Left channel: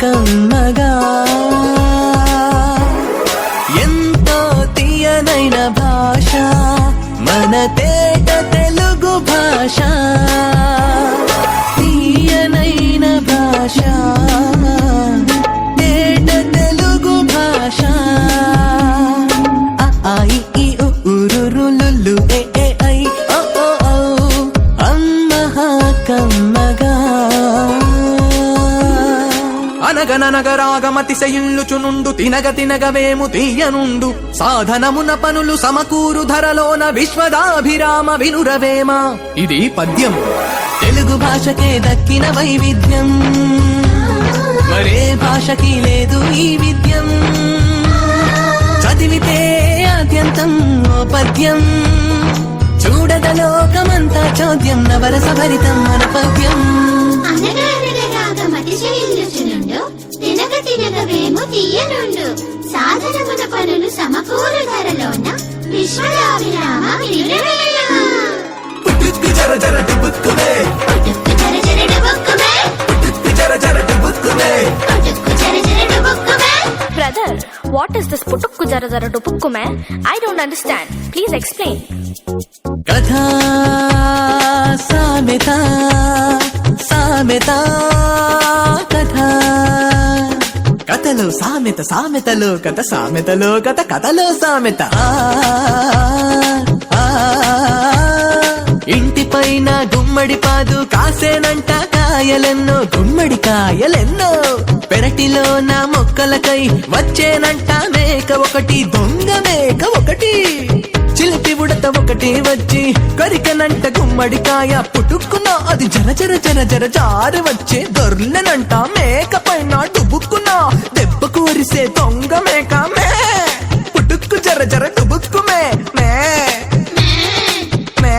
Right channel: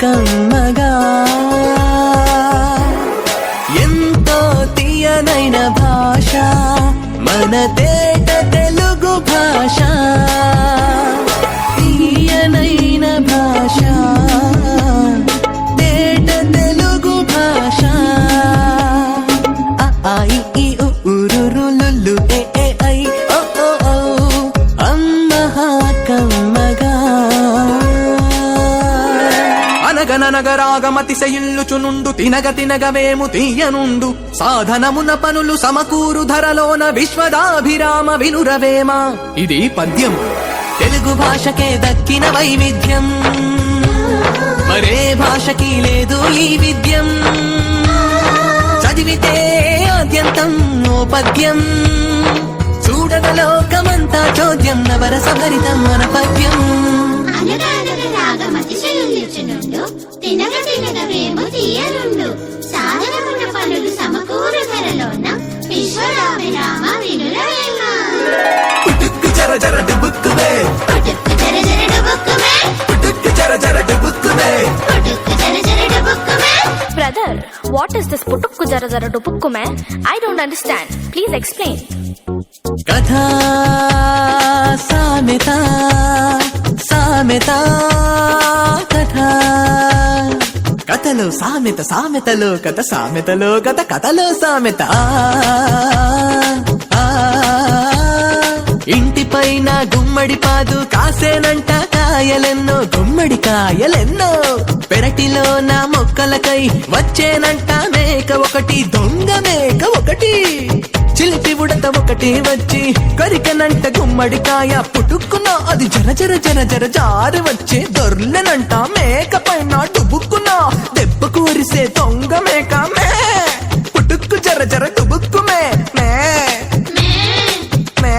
కమ్మగా ఎంతో తీయనైన భాష మన తేట తెలుగు భాష తీయనైన భాష తేట తెలుగు భాష ఆ ఇ ఈ ఉ రు లు ఏ ఏ ఐ ఓ ఓ ఔ అమ్మహా కమ్మగా అనగనగరాగమతిశయిల్లుచునుండు తినగ తినగవేము తీయనుండు సాధనమున పనులు సమకూరు ధరలోన విశ్వదాభిరామ వినురవేమ. ఇది పద్యం. తెలుగు భాషకే దక్కిన వైవిధ్యం మరే భాషకి లేదు ఈ విద్యం. చదివితే ఆద్యంతం ఓ పద్యం చూడగ లోకమంతా చోద్యం నవరస భరితం మన పద్యం. జర జర డుబుక్కువే జర జర డుబుక్కువే. Brother, what is this putukku jara jara dupukkume? I don't understand. Please explain. కథా సామెత సామెత కథా కథలో సామెత సామెతలో కథ సామెతలో కథ కథలో సామెత. ఇంటిపైన గుమ్మడి పాదు కాసేనంట కాయలెన్నో గుమ్మడి కాయలెన్నో పెరటిలో నా మొక్కలకై వచ్చేనంట మేక ఒకటి దొంగ మేక ఒకటి చిలిపి ఉడత ఒకటి వచ్చి కొరికనంట గుమ్మడికాయ పుట్టుకున్న అది జర జర జర జర జారి వచ్చే దొర్లెనంట మేక పైన డుబుక్కున్నా దెబ్బ కూరిసే దొంగ మేక మే పుట్టుక్కు జర జర డుబుక్కు మే మే మే.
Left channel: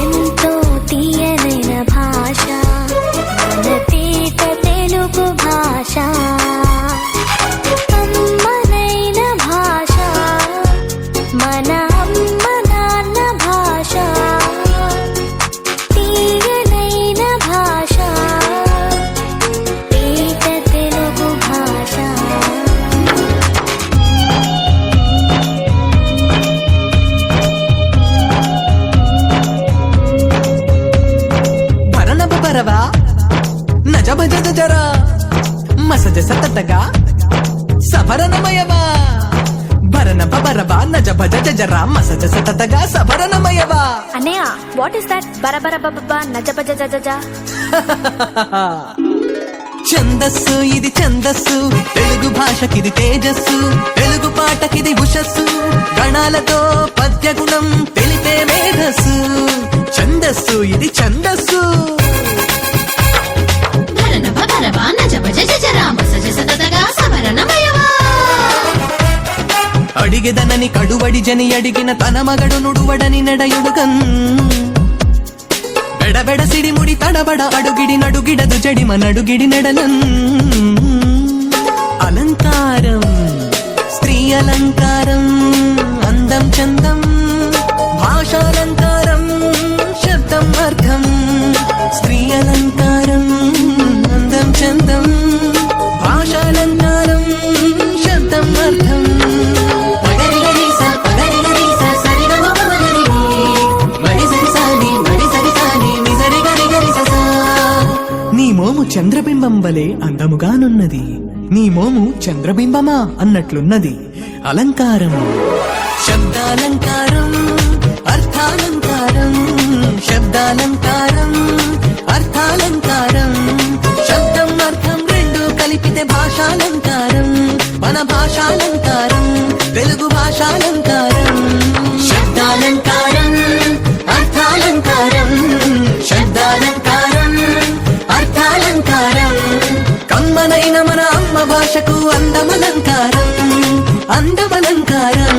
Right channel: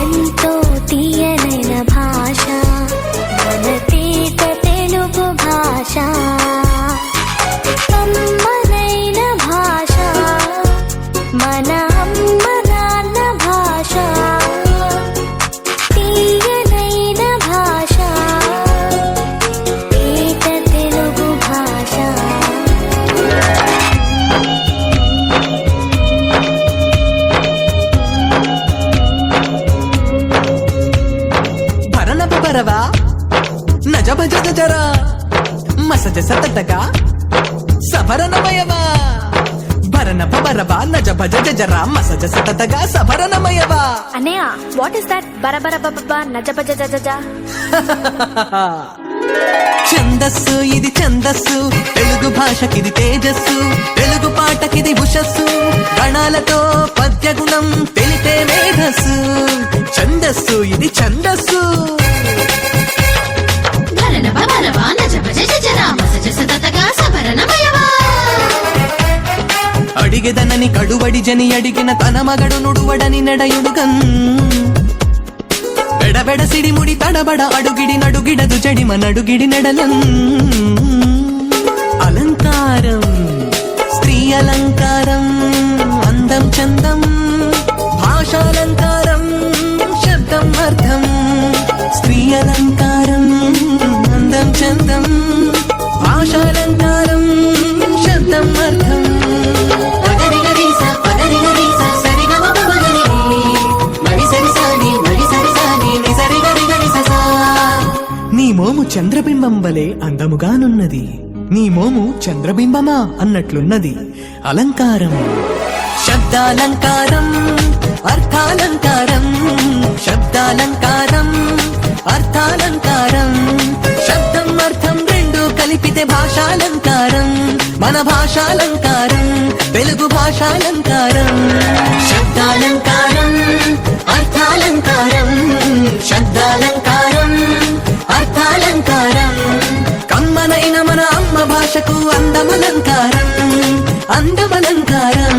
ఎంతో తీయనైన భాష మన తేట తెలుగు భాష అమ్మనైన భాష మన అమ్మ నాన్న భాష తీయనైన భాష తేట తెలుగు భాష. భరణభ బరవా నజ భజ జరా మసజ సతటగా సభరణమయవా భరణభ బరవా నజ భజ జరా మసజ సతటగా సభరణమయవా. అన్నయ్య, వాట్ ఇస్ దట్ బరబర బబ నజ భజ జజ? ఛందస్సు ఇది ఛందస్సు తెలుగు భాషకిది తేజస్సు తెలుగు పాటకిది ఉషస్సు గణాలతో పద్యగుణం తెలిపే మేధస్సు. ఛందస్సు ఇది ఛందస్సు అడిగెదనని కడువడి జని అడిగిన తన మగడు నుడువడని నెడయుడుగన్ బెడబెడ సిడిముడి తడబడ అడుగిడి నడుగిడదు జడిమ నడుగిడి నెడలన్. అలంకారం స్త్రీ అలంకారం అందం చందం భాషాలంకారం శబ్దం అర్థం. స్త్రీ అలంకారం అందం చందం భాషాలంకారం శబ్దం అర్థం. నీ మోము చంద్రబింబం వలె అందముగానున్నది నీ మోము చంద్రబింబమా అన్నట్లున్నది. అలంకారం శబ్దాలంకారం అర్థాలంకారం శబ్దాలంకారం అర్థాలంకారం శబ్దం అర్థం రెండు కలిపితే భాషాలంకారం మన భాషాలంకారం తెలుగు భాషాలంకారం. శబ్దాలంకారం అర్థాలంకారం శబ్దాలంకారం అర్థాలంకారం కమ్మనైన మన అమ్మ భాషకు అందమలంకారం అందమలంకారం.